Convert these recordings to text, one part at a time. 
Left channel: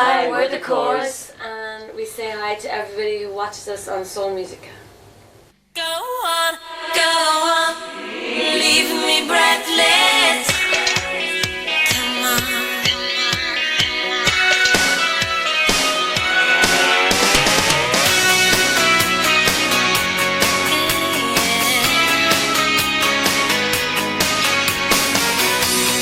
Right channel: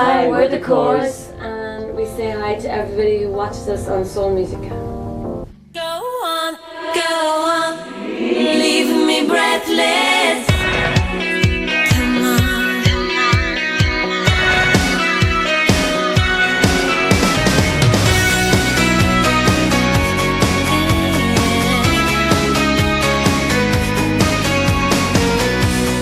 Hi, we're the Corrs, and we say hi to everybody who watches us on Soul Musica. Go on, leave me breathless. Come on.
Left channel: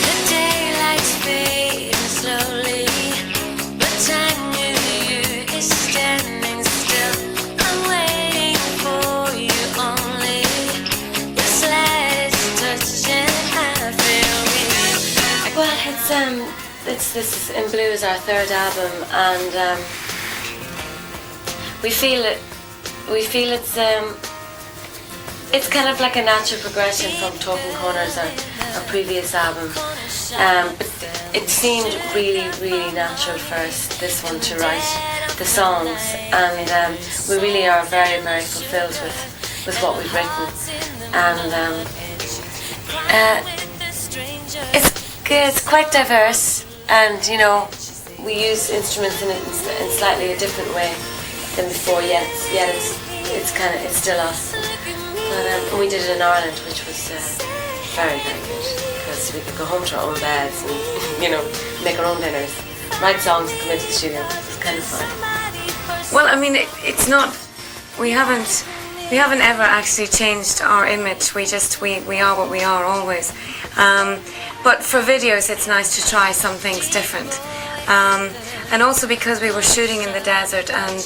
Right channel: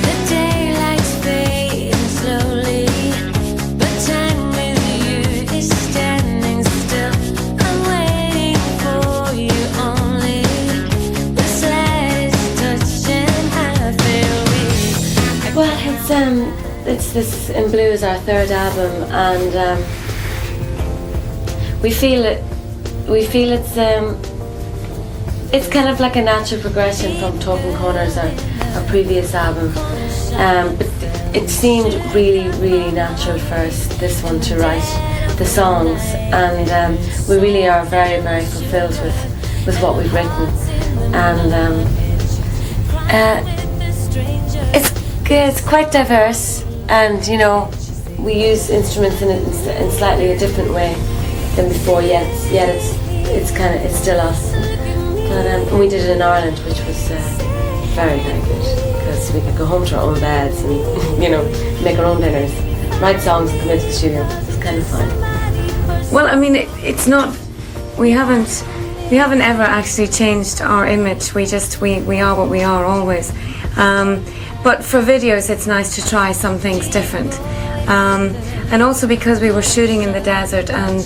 The daylight's fading slowly, but time with you is standing still. I'm waiting for you only. The slightest touch and I feel weak. Well, it's This in Blue is our third album, and we feel it's kind of like a natural progression from Talking Corners, our previous album. But it seemed really, really natural for us, this one, to write the songs, and we really are very, very fulfilled with what we've written. And it's quite diverse, and we use instruments in slightly a different way than before. Yet it's still us. But we did it in Ireland, which was very, very good, because we could go home to our own beds and make our own dinners, write songs, and come into the studio. It was kind of fun. Well, I mean, it's not. We haven't ever actually changed our image. We are what we are always. But for videos, it's nice to try some things different. And also because we were shooting in the desert, and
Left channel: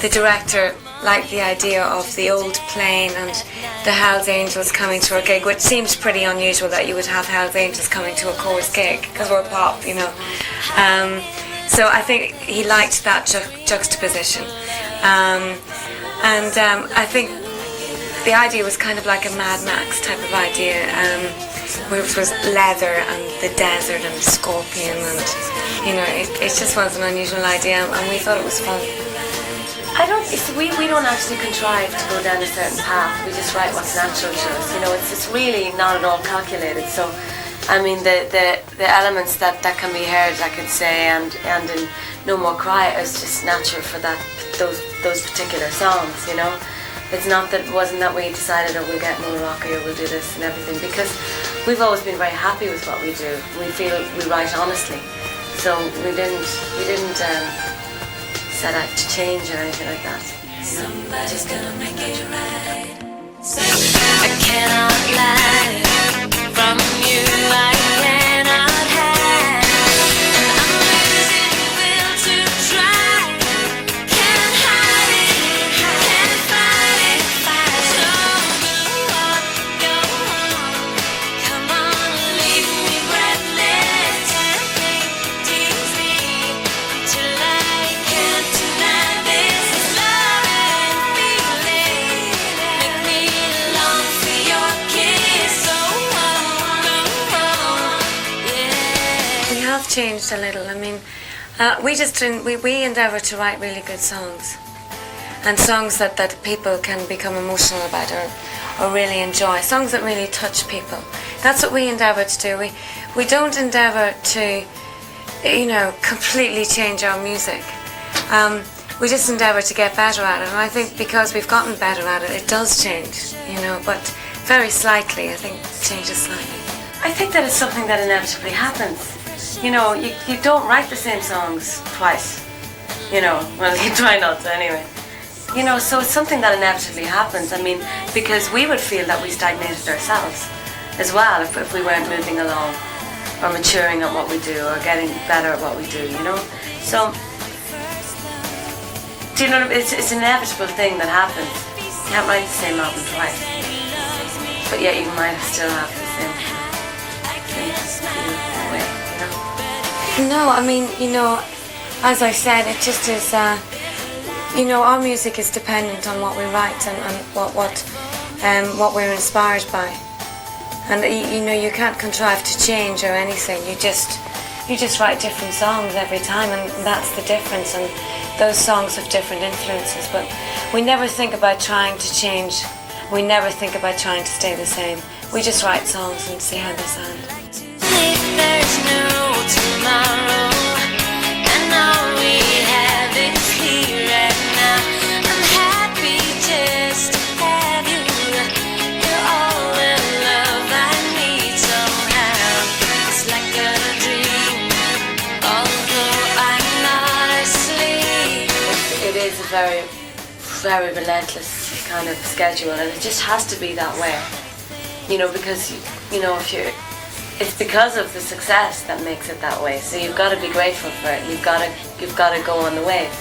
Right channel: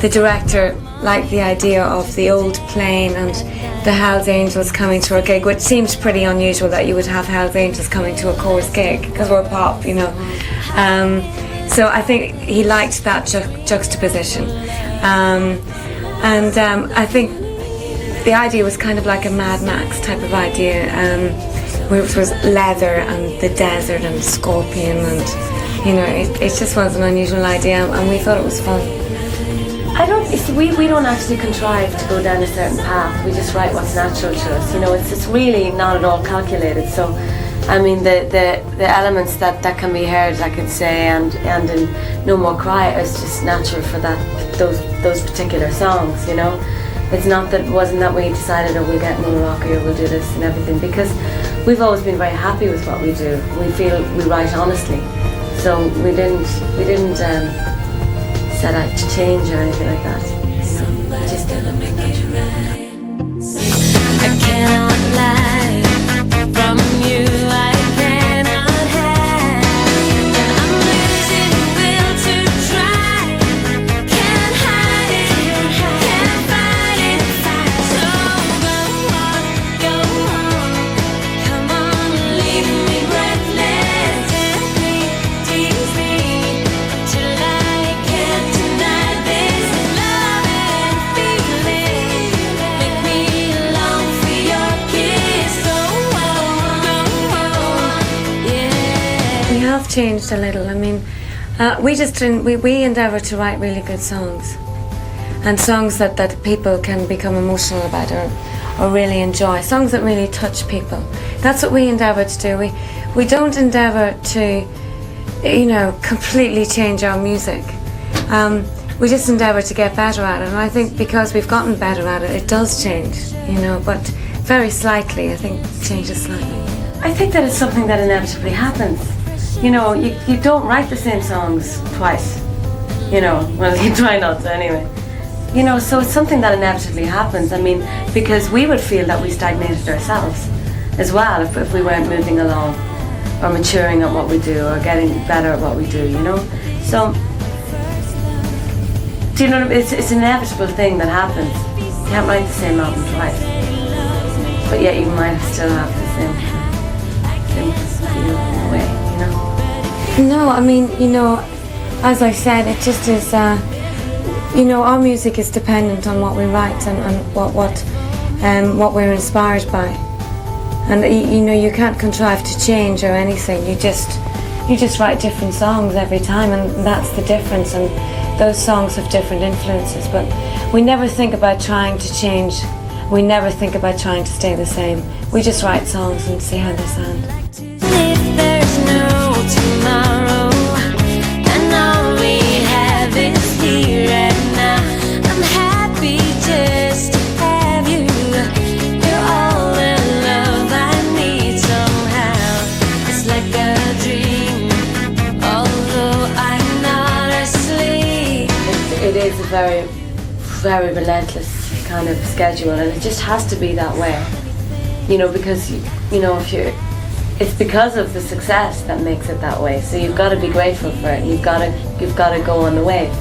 the director liked the idea of the old plane and the Hells Angels coming to our gig, which seems pretty unusual that you would have Hells Angels coming to a Corrs gig, because we're pop, So I think he liked that juxtaposition. I think the idea was kind of like a Mad Max type of idea, where it was leather and the desert and scorpion, and it just was an unusual idea, and we thought it was fun. We don't actually contrive to go down a certain path. We just write what's natural to us. It's really not at all calculated. So, I mean, the elements that can be heard, I could say, and in No More Cry, is just natural for those particular songs. It's not that wasn't that we decided, oh, we'll get more rocky or we'll do this and everything, because we've always been very happy with what we do. We feel we write honestly, so we didn't set out to change or anything like that. So just did it. I cannot lie from you. I cannot hide. I'm losing will to try. Can't hide it, can't fight it. So go on, come on, leave me breathless. Tease me till I can't deny this love and feeling. Make me long for your kiss. So go on, yeah. We have changed a little. I mean, we endeavour to write really good songs, and songs that people can become emotional about or really enjoy. Songs that really touch people. That's what we endeavour to do. We don't endeavour to, completely change our music. We just endeavour to get better at it, and I think because we've gotten better at it, it does change. But very slightly. I think it changes slightly. I think that it's something that inevitably happens. You don't write the same songs twice. Well, you try not to anyway. So it's something that inevitably happens. I mean, because we would feel that we stagnated ourselves as well if we weren't moving along or maturing at what we do or getting better at what we do, So, do you know what I mean? It's an inevitable thing that happens. You can't write the same album twice. But yet you might still have the same way, No, I mean, as I said, it just is. Our music is dependent on what we write and what we're inspired by, and you can't contrive to change or anything. You just write different songs every time, and that's the difference. And those songs have different influences, but we never think about trying to change. We never think about trying to stay the same. We just write songs and see how they sound. If there's no tomorrow, and very, very relentless kind of schedule, and it just has to be that way. You know, because it's because of the success that makes it that way. So you've got to be grateful for it. You've got to go on the wave.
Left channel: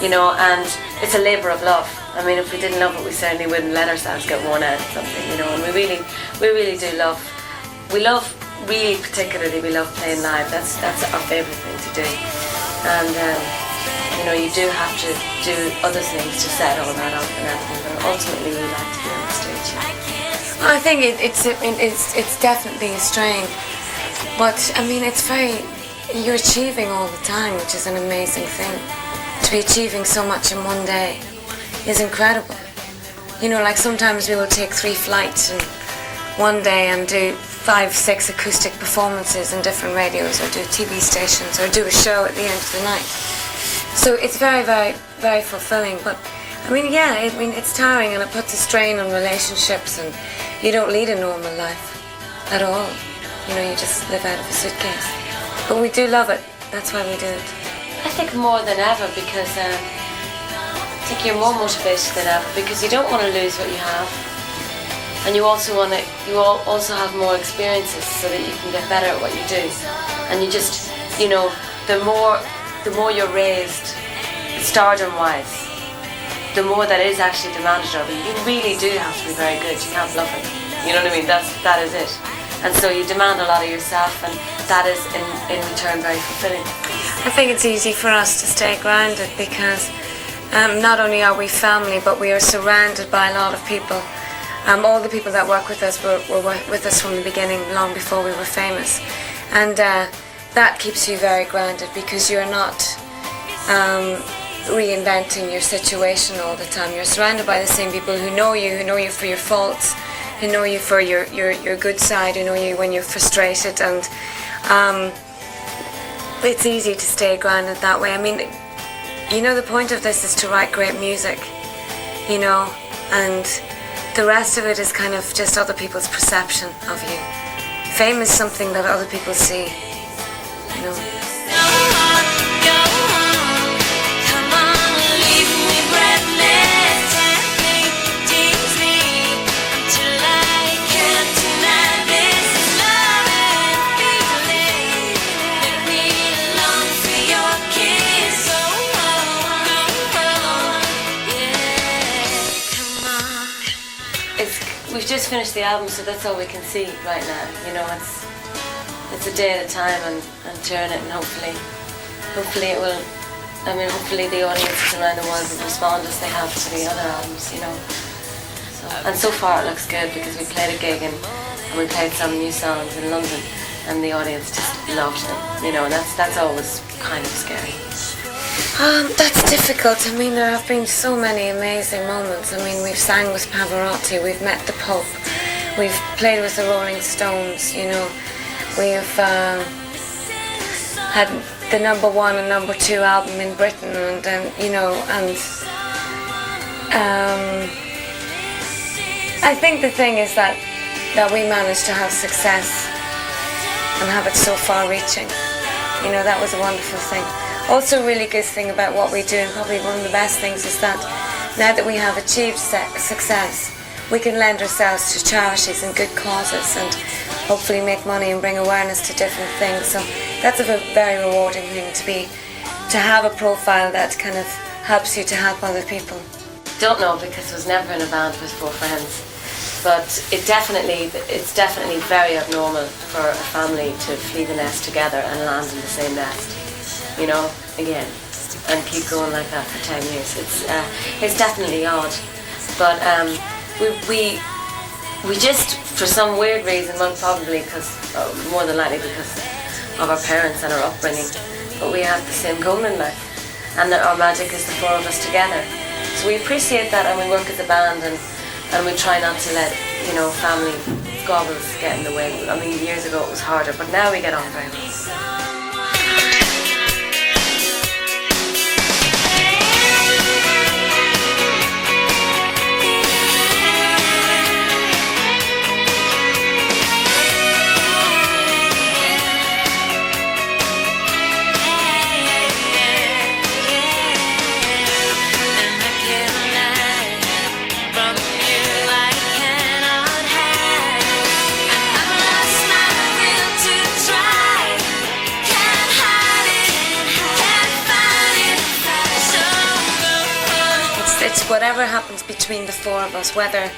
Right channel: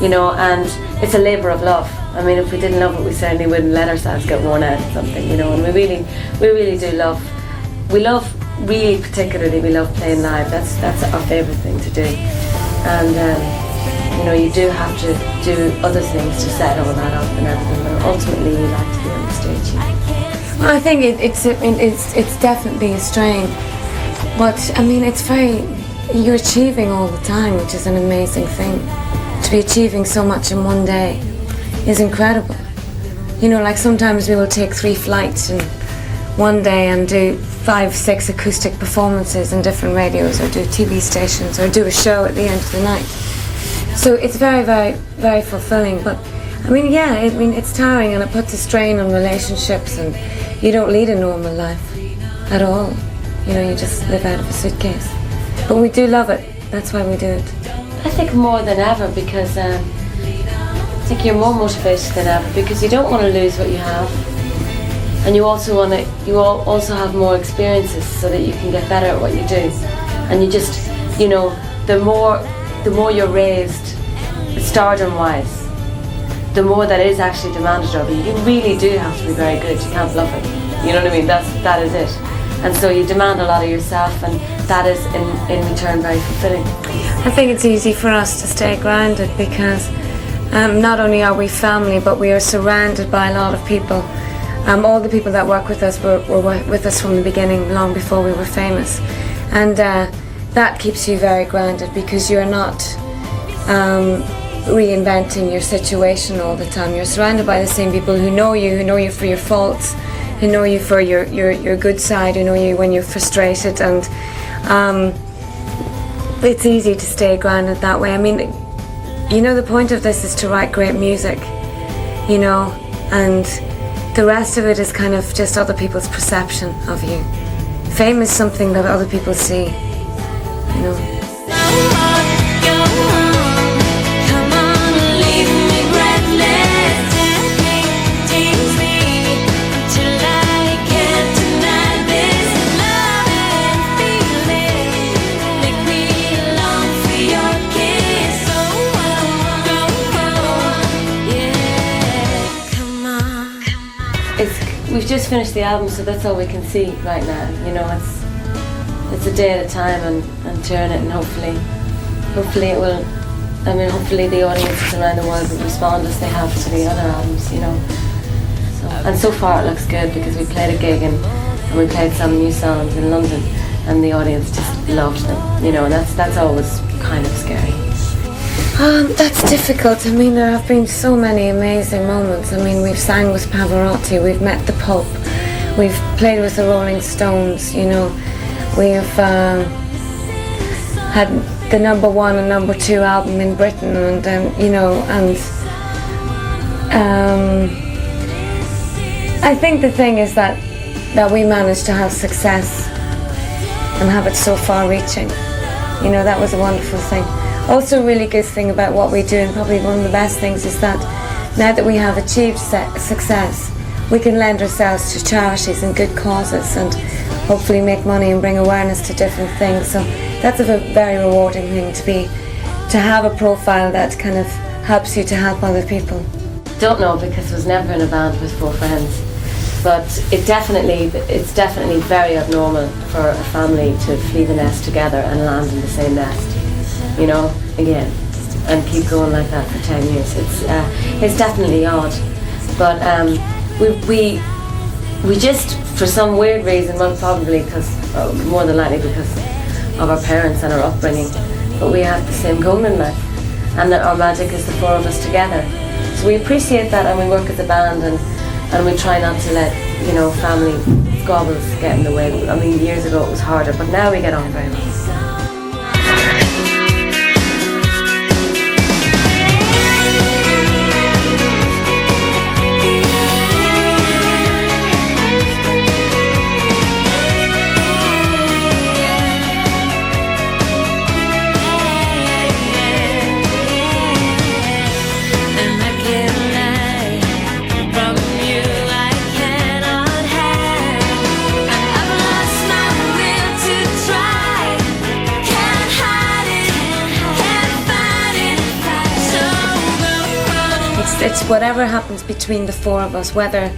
You know, and it's a labour of love. I mean, if we didn't love it, we certainly wouldn't let ourselves get worn out of something. You know, and we really do love. We love, really particularly, we love playing live. That's our favourite thing to do. And you know, you do have to do other things to set all that up and everything. But ultimately, you like to be on the stage. Well, I think it's definitely a strain, but I mean, you're achieving all the time, which is an amazing thing. To be achieving so much in one day is incredible. You know, like sometimes we will take 3 flights in one day and do 5, 6 acoustic performances in different radios, or do TV stations, or do a show at the end of the night. So it's very, very, very fulfilling. But I mean, yeah, it's tiring, and it puts a strain on relationships, and you don't lead a normal life at all. You know, you just live out of a suitcase. But we do love it. That's why we do it. I think more than ever, because I think you're more motivated than ever, because you don't want to lose what you have, and you also have more experiences so that you can get better at what you do. And you just, you know, the more you're raised, stardom-wise, the more that is actually demanded of you. You really do have to be very good. You can't bluff it. You know what I mean? That is it. And so you demand a lot of yourself, and that is in return very fulfilling. I think it's easy for us to stay grounded because not only are we family, but we are surrounded by a lot of people. All the people that work with us were with us from the beginning, long before we were famous. And that keeps you very grounded, because you're not reinventing your situation all the time. You're surrounded by the same people who know you for your faults, who know you for your good side, who know you when you're frustrated, and it's easy to stay grounded that way. I mean, you know, the point of this is to write great music, you know, and the rest of it is kind of just other people's perception of you. Fame is something that other people see, you know. We've just finished the album, so that's all we can see right now. You know, it's a day at a time, and touring it, and hopefully it will. I mean, hopefully the audiences around the world will respond as they have to the other albums. You know, and so far it looks good, because we played a gig and we played some new songs in London, and the audience just loved them. You know, and that's always kind of scary. That's difficult. I mean, there have been so many amazing moments. I mean, we've sang with Pavarotti, we've met the Pope, we've played with the Rolling Stones, you know, we've had the #1 and #2 album in Britain, and you know, and I think the thing is that we managed to have success and have it so far-reaching. You know, that was a wonderful thing. Also, a really good thing about what we do, and probably one of the best things, is that now that we have achieved success, we can lend ourselves to charities and good causes, and hopefully make money and bring awareness to different things. So that's a very rewarding thing, to have a profile that kind of helps you to help other people. Don't know, because I was never in a band with 4 friends, but it's definitely very abnormal for a family to flee the nest together and land in the same nest. You know, again, and keep going like that for 10 years. It's definitely odd, but we just, for some weird reason, well, probably because, more than likely because of our parents and our upbringing, but we have the same goal in life, and that our magic is the 4 of us together. So we appreciate that, and we work as a band, and we try not to let, you know, family squabbles get in the way. I mean, years ago it was harder, but now we get on very well. it's whatever happens between the four of us, whether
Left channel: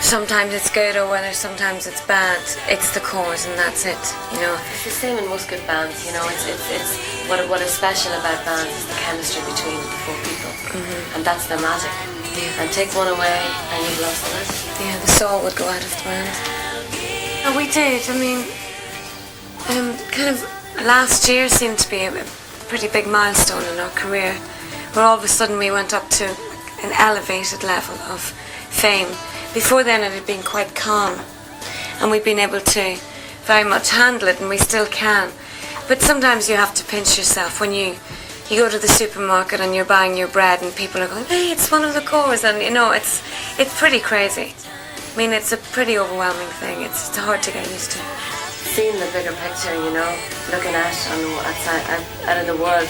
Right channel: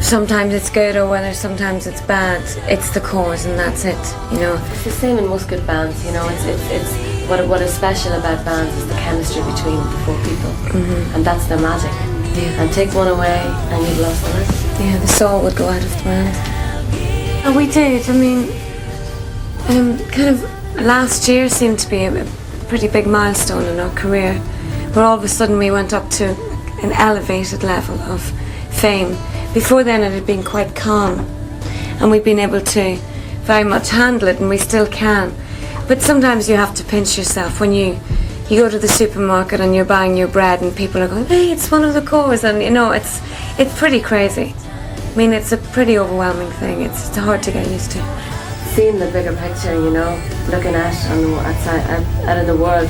sometimes it's good or whether sometimes it's bad, it's the Corrs and that's it, you know. It's the same in most good bands, you know. It's what is special about bands is the chemistry between the four people, and that's their magic. Yeah. And take one away, and you've lost the rest. Yeah, the soul would go out of the band. Oh, we did. I mean, kind of last year seemed to be a pretty big milestone in our career, where all of a sudden we went up to an elevated level of fame. Before then it had been quite calm, and we've been able to very much handle it, and we still can. But sometimes you have to pinch yourself when you go to the supermarket and you're buying your bread and people are going, hey, it's one of the Corrs, and you know, it's pretty crazy. I mean, it's a pretty overwhelming thing. It's hard to get used to. Seeing the bigger picture, you know, looking out in the world,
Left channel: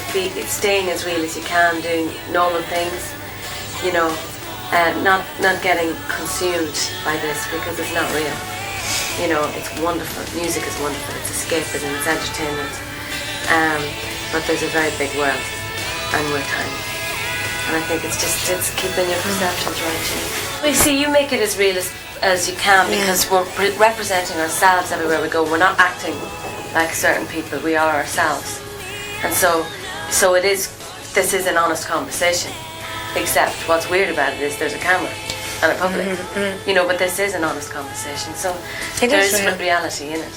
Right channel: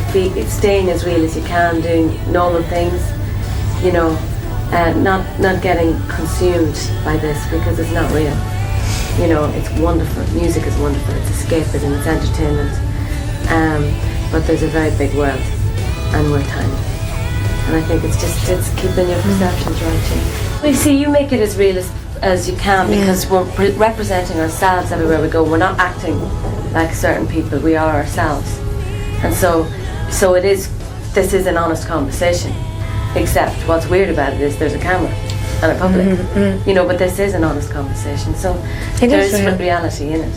staying as real as you can, doing normal things, you know, not getting consumed by this because it's not real. You know, it's wonderful. Music is wonderful. It's escapism. It's entertainment. But there's a very big world, and we're tiny. And I think it's keeping your perceptions right too. Well, you see, you make it as real as you can because we're representing ourselves everywhere we go. We're not acting like certain people. We are ourselves, and so it is. This is an honest conversation. Except what's weird about it is there's a camera and a public, you know. But this is an honest conversation, so there is reality in it.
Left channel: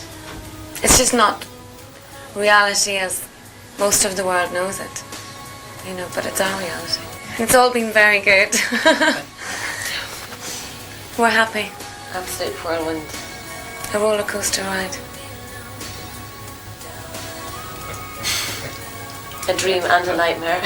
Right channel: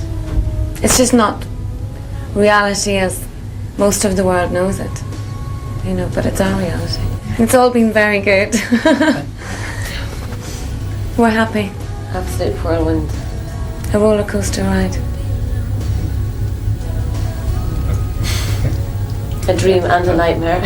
It's just not reality as most of the world knows it, you know. But it's our reality. It's all been very good. We're happy. Absolute whirlwind. A roller coaster ride. A dream and a nightmare.